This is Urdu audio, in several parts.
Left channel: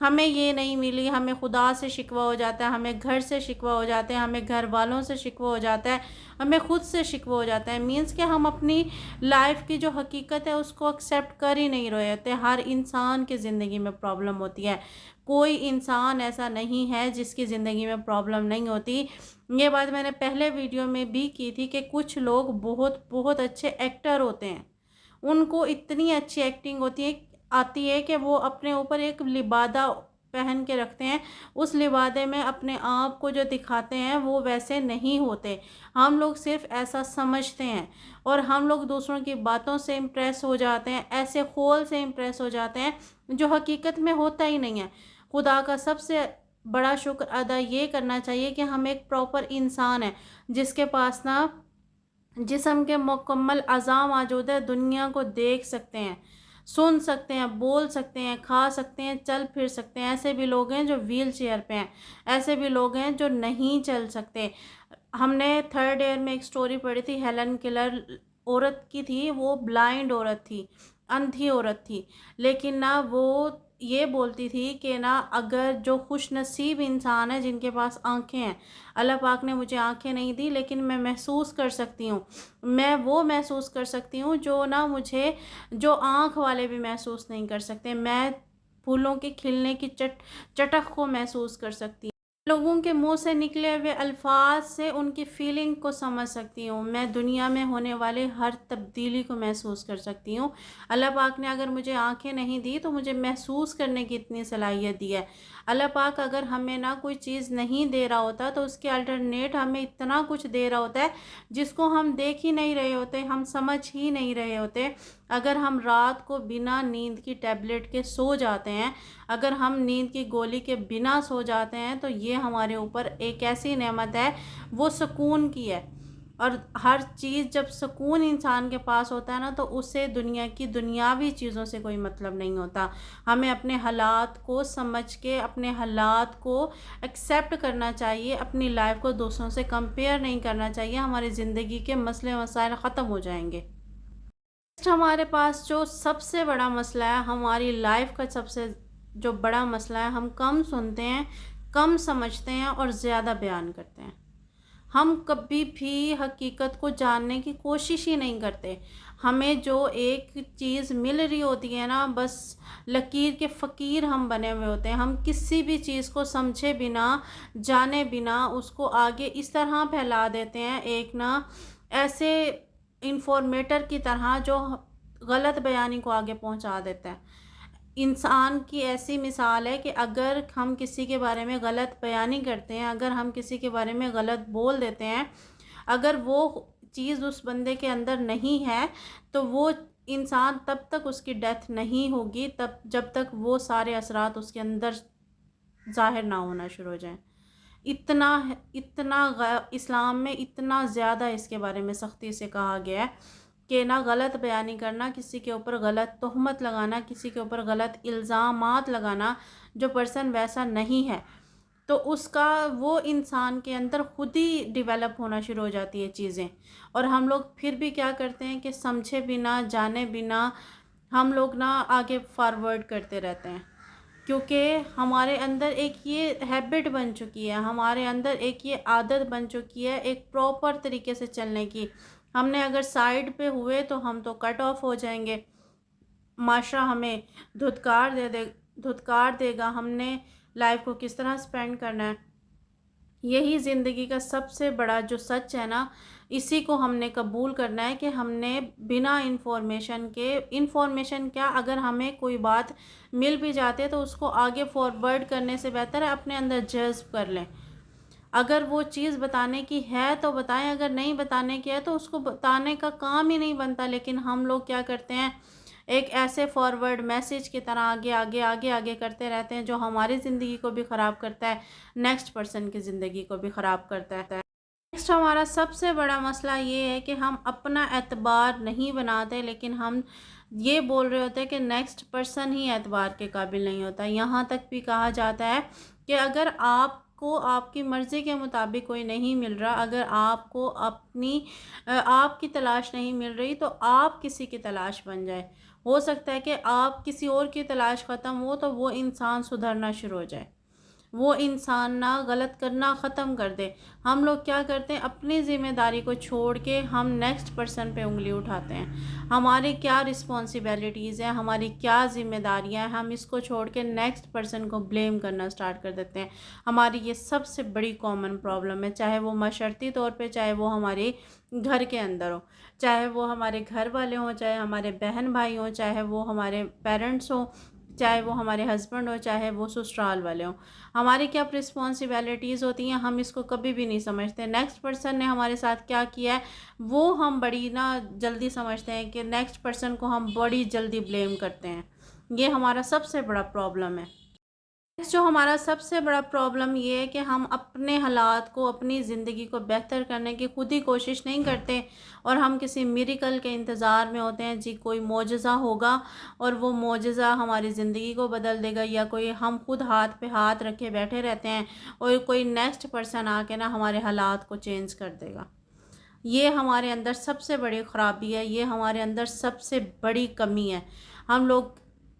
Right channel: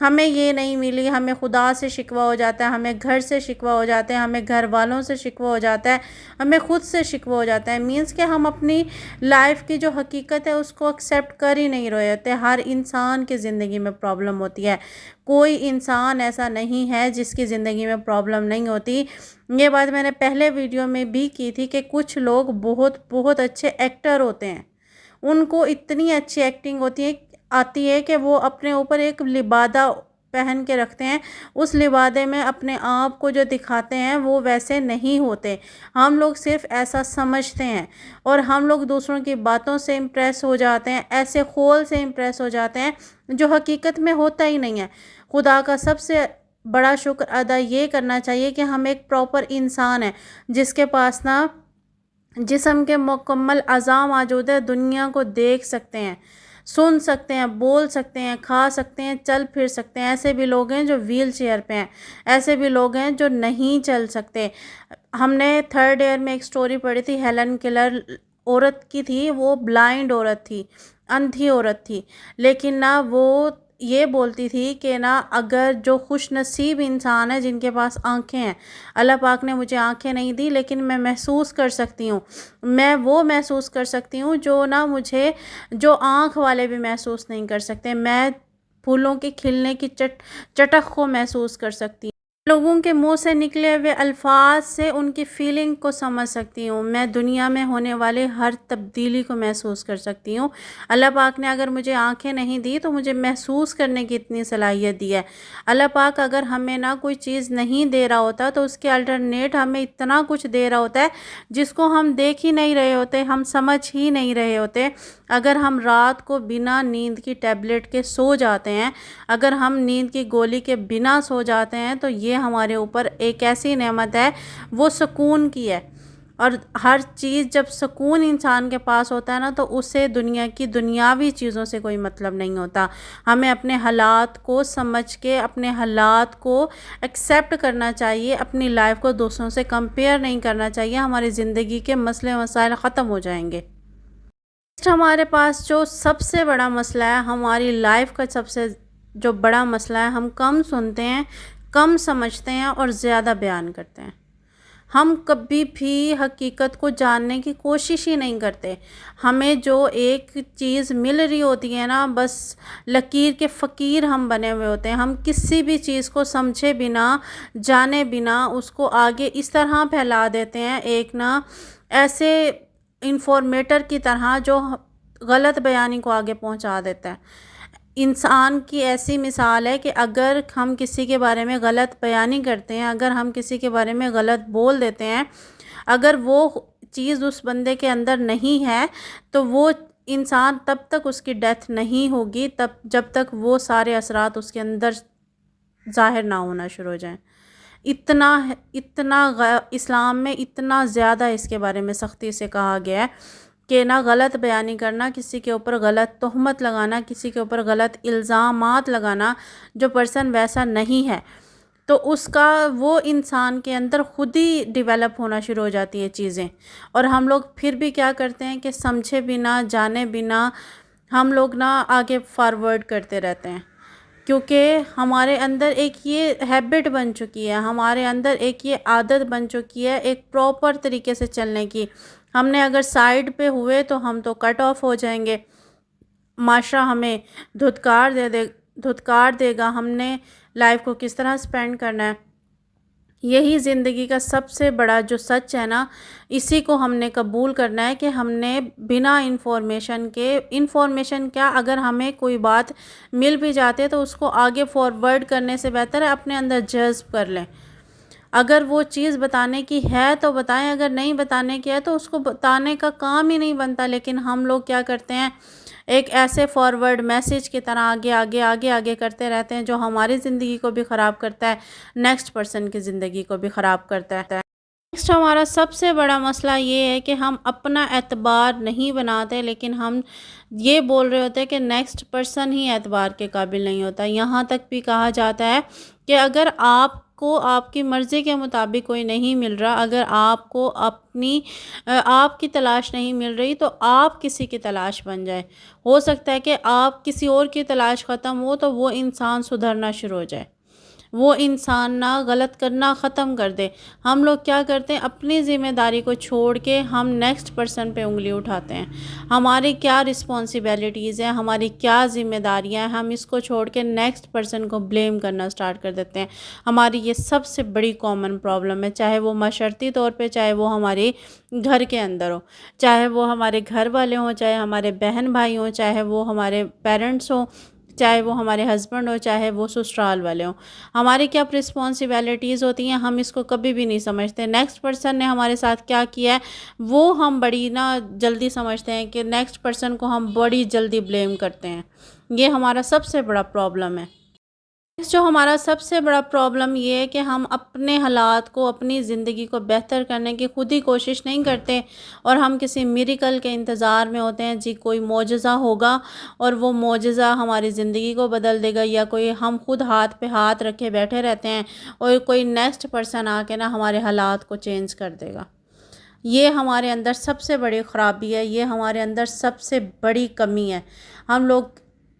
ہمیں یہ نہیں ملی، ہمیں خدا سے شکوہ ہو جاتا ہے، ہمیں گھر سے شکوہ ہو جاتا ہے، ہمیں گھر والوں سے شکوہ ہو جاتا ہے، ہمیں خود سے شکوہ ہو جاتا ہے. مینس کہ ہم اپنی لائف کی جو حقیقت ہے اس کو ایکسیپٹ کر ہی نہیں رہے ہوتے. ہر انسان کی زندگی میں پرابلم ہوتی ہے، کوئی انسان ایسا نہیں ہے جس کی زندگی میں پرابلم نہیں ہوتی. یہ بات میں نے پہلے ویڈیو میں بھی کی تھی کہ کچھ لوگ بہت بہت اچھے ایکٹر ہوتے ہیں، ان کو اتنی اچھی ایکٹنگ آتی ہے کہ وہ اپنے اوپر ایک لبادہ پہن کے رکھتے ہیں، اس لبادے میں اپنے آپ کو جو دکھاتے ہیں وہ ویسے نہیں ہوتے. ہم لوگ صرف ایسا سمجھتے ہیں اور ہم لوگ دوسروں کی باتوں سے امپریس ہو جاتے ہیں، ایسے خول سے امپریس ہو جاتے ہیں جو حقیقت میں ہوتا ہی نہیں ہے. خدا کا سب سے بڑا شکر ادا یہ کرنا چاہیے کہ ہم ایک پراپر انسان ہیں جس کے پاس نا جسم کے مکمل اعضاء موجود ہے، دنیا کو دیکھ سکتے ہیں، سن سکتے ہیں، بول سکتے ہیں، کھا سکتے ہیں، چل پھر سکتے ہیں. ایسے بھی لوگ ہیں جو ویل چیئر پہ ہیں، ایسے بھی لوگ ہیں جو نہیں چل سکتے. ہم نے 3rd ایئر میں ایک سٹوری پڑھی تھی، ہیلن کیلر عورت کی تھی، وہ بلائنڈ عورت تھی، اندھی عورت تھی، لیکن نا وہ یہ بولتی تھی کہ نا اگر جو خوش نصیب انسان ہے جن کے پاس آنکھیں ہیں، اللہ پاک نے مجھے آنکھیں نہیں دی لیکن میں محسوس کر سکتی ہوں، میں وہ محسوس کر سکتی ہوں جو نا مجھے جو آنکھ والے بھی محسوس نہیں کر سکتے. میں پھولوں کے کھلنے کی چٹک کو محسوس کر سکتی ہوں، لوگوں کے منہ سے نکلے ہوئے الفاظ سے ان کی فیلنگ کو سمجھ سکتی ہوں، میں دنیا میں ہونے والے ہر تبدیلی کو محسوس کر سکتی ہوں. اللہ پاک نے اگر مجھے آنکھیں نہیں دی تو مجھے محسوس کرنے کی اتنی صلاحیت دی ہے. اللہ پاک اگر ہمیں نہ کوئی چیز نہیں دے رہا ہوتا تو اس کے الٹرنیٹ ہمیں اتنا کچھ دے رہا ہوتا ہے جس کو ہم دیکھ ہی نہیں رہے ہوتے، ہم سمجھ ہی نہیں رہے ہوتے. اگر ہم رات کو بنا نیند کی ٹیبلٹ کے سو جاتے ہیں، اگر ہم نیند کی گولی کے بنا سو جاتے ہیں تو یہ ہمارے اوپر ایک ایسی نعمت ہے، وہ سکون کی ہے. اور ہر چیز جب سکون انسان کے پاس ہوتا ہے نا تو اسے دنیا کی دنیاوی چیزوں سے کوئی مطلب نہیں ہوتا. ہمیں اپنے حالات کو سمجھ کے اپنے حالات کو ایکسیپٹ کرنا چاہیے، اپنی لائف کو دوسروں سے کمپیئر نہیں کرنا چاہیے، ہماری زندگی کے مسئلے مسائل ختم ہو جائیں گے. ہمارے پاس جو سب سے بڑا مسئلہ ہے، ہماری لائف کا سب سے جو بڑا مسئلہ ہے، ہم کم سنتے ہیں، کم سمجھتے ہیں اور زیادہ بیان کرتے ہیں. ہم کبھی بھی حقیقت کو جاننے کی کوشش ہی نہیں کرتے. ہمیں جو ایک چیز مل رہی ہوتی ہے نا، بس لکیر کے فقیر ہم بنے ہوئے ہوتے ہیں. ہم کسی بھی چیز کو سمجھے بنا، جانے بنا اس کو آگے اس طرح پھیلا دیتے ہیں، ایک نا ایسے انفارمیٹر کی طرح جو غلط بیانی کو آگے پہنچا دیتا ہے. انسان کی ایسی مثال ہے کہ اگر ہم کسی کے بارے میں غلط بیانی کرتے ہیں، اگر ہم کسی کے بارے میں غلط بول دیتے ہیں، اگر وہ چیز اس بندے کے اندر نہیں ہے تو وہ انسان تب تک اس کی ڈیتھ نہیں ہوگی جب تک وہ سارے اثرات اس کے اندر ظاہر نہ ہونا شروع ہو جائیں. اتنا اسلام میں اتنا زیادہ اس کے بارے میں سختی سے کہا گیا ہے کہ نہ غلط بیانی کرنا، کسی کے اوپر غلط تہمت لگانا، کسی کے اوپر غلط الزامات لگانا. جو پرسن ویسا نہیں ہے تو اس کا وہ انسان کے اندر خود ہی ڈیولپ ہونا شروع ہو جاتی ہے چیزیں. اور ہم لوگ پھر بھی کیا کرتے ہیں کہ سمجھے بنا، جانے بنا ہم لوگ نا آگے فارورڈ کرتے رہتے ہیں، کیونکہ ہمارے اندر ایک یہ ہیبٹ بن چکی ہے، ہمارے اندر ایک یہ عادت بن چکی ہے ایک پراپر طریقے سے چلنے کی. ہم نے اگر سائیڈ پہ ہوئے تو ہم تو کٹ آف ہو جائیں گے، معاشرہ ہمیں دھتکار دے گا. ہم نے لائف کو کس طرح سپینڈ کرنا ہے، یہی زندگی کا سب سے بڑا جو سچ ہے نا، اسی کو ہم نے قبول کرنا ہے کہ ہم نے بنا انفارمیشن کیا، اگر ہمیں کوئی بات مل بھی جاتی ہے تو اس کو آگے فارورڈ کرنے سے بہتر ہے اپنے اندر جذب کر لیں. اگر وہ چیز بتانے کی ہے تو بتائیں، اگر نہیں بتانے کی ہے تو اس کو بتانے کا کام ہی نہیں بنتا. لیکن ہم لوگ کیا کرتے ہیں، ایک ایسے فارورڈ میسیج کی طرح آگے آگے آگے آگے کرتے رہتے ہیں جو ہماری زندگی کو بھی خراب کرتا ہے، نیکسٹ پرسن کی زندگی کو بھی خراب کرتا ہے. نیکسٹ ہمارا سب سے بڑا مسئلہ یہ ہے کہ ہم اپنا اعتبار نہیں بناتے، لیکن ہم یہ بول رہے ہوتے ہیں کہ نیکسٹ پرسن ہی اعتبار کے قابل نہیں ہوتا. یہاں تک بھی کہا جاتا ہے کہ اگر آپ کو آپ کی مرضی کے مطابق کوئی نہیں مل رہا، اگر آپ کو آپ کی تلاش نہیں مل رہی تو آپ کسی کی تلاش بن جائے۔ ہو سکتا ہے کہ آپ کسی اور کی تلاش ختم ہو تو وہ انسان سدھرنا شروع ہو جائے، وہ انسان نہ غلط کرنا ختم کر دے۔ ہم لوگ کیا کرتے ہیں، اپنی ذمہ داری کو چھوڑ کے ہم نیکسٹ پرسن پہ انگلی اٹھاتے ہیں۔ ہماری کیا رسپانسبلٹیز ہیں، ہماری کیا ذمہ داریاں ہیں، ہم اس کو چھوڑ کے نیکسٹ پرسن کو بلیم کرنا سٹارٹ کر دیتے ہیں۔ ہماری یہ سب سے بڑی کامن پرابلم ہے، چاہے وہ معاشرتی طور پہ، چاہے وہ ہمارے گھر کے اندر ہو، چاہے وہ ہمارے گھر والے ہوں، چاہے ہمارے بہن بھائی ہوں، چاہے وہ ہمارے پیرنٹس ہوں، چاہے وہ ہمارے ہسبینڈ ہو، چاہے وہ سسرال والے ہوں۔ ہماری کیا رسپانسبلٹیز ہوتی ہیں، ہم اس کو کبھی بھی نہیں سمجھتے۔ نیکسٹ پرسن نے ہمارے ساتھ کیا کیا ہے وہ ہم بڑی جلدی سمجھتے ہیں کہ نیکسٹ پرسن کو ہم بڑی جلدی بلیم کرتے ہیں۔ یہ ہمارا سب سے بڑا پرابلم ہے۔ جو ہمارا سب سے بڑا پرابلم یہ ہے کہ ہم اپنے حالات کو، اپنی زندگی کو بہتر کرنے کی خود ہی کوشش نہیں کرتے، اور ہم کسی میریکل کے انتظار میں ہوتے ہیں، جی کوئی معجزہ ہوگا اور وہ معجزہ ہماری زندگی کو بدل دے گا، یا کوئی ہم خود ہاتھ پہ ہاتھ رکھے بیٹھے رہتے ہیں اور کوئی نیکسٹ پرسن آ کے ہمارے حالات کو چینج کر دے گا۔ یہ ہمارے اندر سب سے بڑی خرابی ہے، یہ ہمارے اندر سب سے بڑی کمی ہے۔ ہم لوگ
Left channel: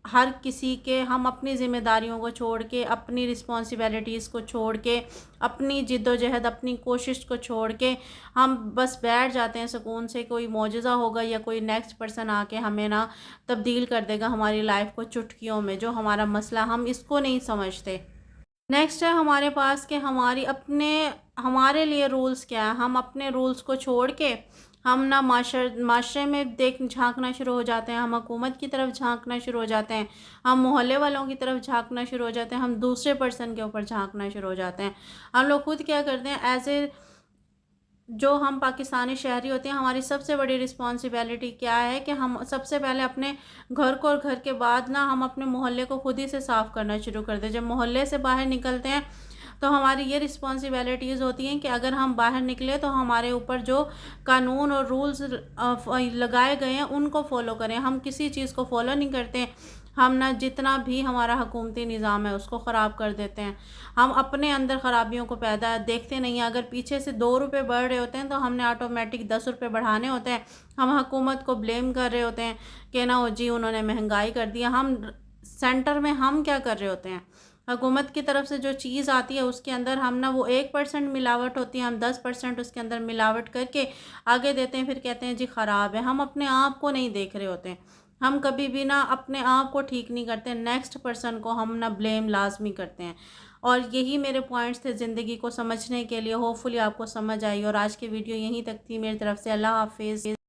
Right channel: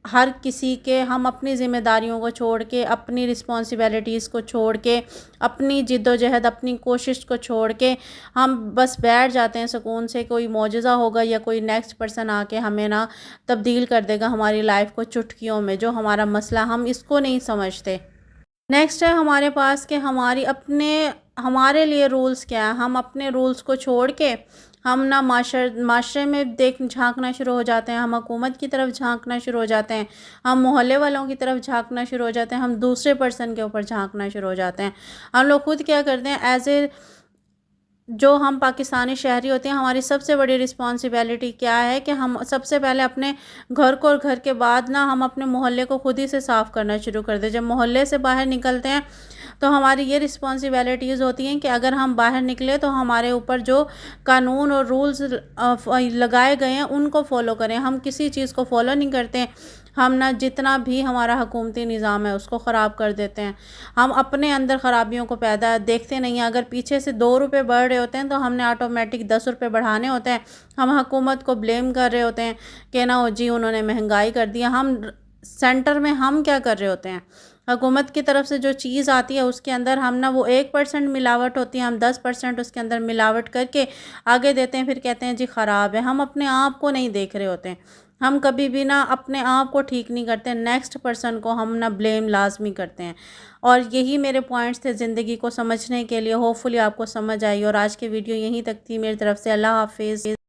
ہر کسی کے، ہم اپنی ذمہ داریوں کو چھوڑ کے، اپنی رسپانسبلٹیز کو چھوڑ کے، اپنی جد و جہد، اپنی کوشش کو چھوڑ کے ہم بس بیٹھ جاتے ہیں سکون سے، کوئی معجزہ ہوگا یا کوئی نیکسٹ پرسن آ کے ہمیں تبدیل کر دے گا ہماری لائف کو چٹکیوں میں۔ جو ہمارا مسئلہ، ہم اس کو نہیں سمجھتے۔ نیکسٹ ہے ہمارے پاس کہ ہمارے لیے رولز کیا ہیں۔ ہم اپنے رولز کو چھوڑ کے ہم معاشرے میں جھانکنا شروع ہو جاتے ہیں، ہم حکومت کی طرف جھانکنا شروع ہو جاتے ہیں، ہم محلے والوں کی طرف جھانکنا شروع ہو جاتے ہیں، ہم دوسرے پرسن کے اوپر جھانکنا شروع ہو جاتے ہیں۔ ہم لوگ خود کیا کرتے ہیں، جو ہم پاکستانی شہری ہوتے ہیں، ہماری سب سے بڑی رسپانسبلٹی کیا ہے کہ ہم سب سے پہلے اپنے گھر کو، اور گھر کے بعد ہم اپنے محلے کو خود ہی سے صاف کرنا شروع کر دیں۔ جب محلے سے باہر نکلتے ہیں تو ہماری یہ رسپانسبلٹیز ہوتی ہیں کہ اگر ہم باہر نکلے تو ہمارے اوپر جو قانون اور رولز لگائے گئے ہیں ان کو فالو کریں۔ ہم کسی چیز کو فالو نہیں کرتے، ہم جتنا بھی ہمارا حکومتی نظام ہے اس کو خراب کر دیتے ہیں۔ ہم اپنے اندر خرابیوں کو دیکھتے نہیں ہیں۔ اگر پیچھے سے 2 روپے بڑھ رہے ہوتے ہیں تو ہم نے آٹومیٹک 10 روپے بڑھانے ہوتے ہیں۔ ہم حکومت کو بلیم کر رہے ہوتے ہیں کہ جی انہوں نے مہنگائی کر دی۔ ہم سینٹر میں ہم کیا کر رہے ہوتے ہیں، حکومت کی طرف سے جو چیز آتی ہے اس کے اندر ہم وہ 1% ملاوٹ ہوتی ہے، ہم 10% اس کے اندر ملاوٹ کر کے آگے دیتے ہیں، پھر کہتے ہیں جی خراب ہے۔ ہم اپنے آپ کو نہیں دیکھ رہے ہوتے ہیں، ہم کبھی بھی اپنے آپ کو ٹھیک نہیں کرتے، نیکسٹ پرسن کو ہم بلیم لازمی کرتے ہیں۔ اور یہی میرے پوائنٹس تھے زندگی کو سمجھنے کے لیے۔ ہوپ فلی آپ کو سمجھ آئی، اور آج کی ویڈیو یہیں تک تھی میری طرف سے۔ اللہ حافظ۔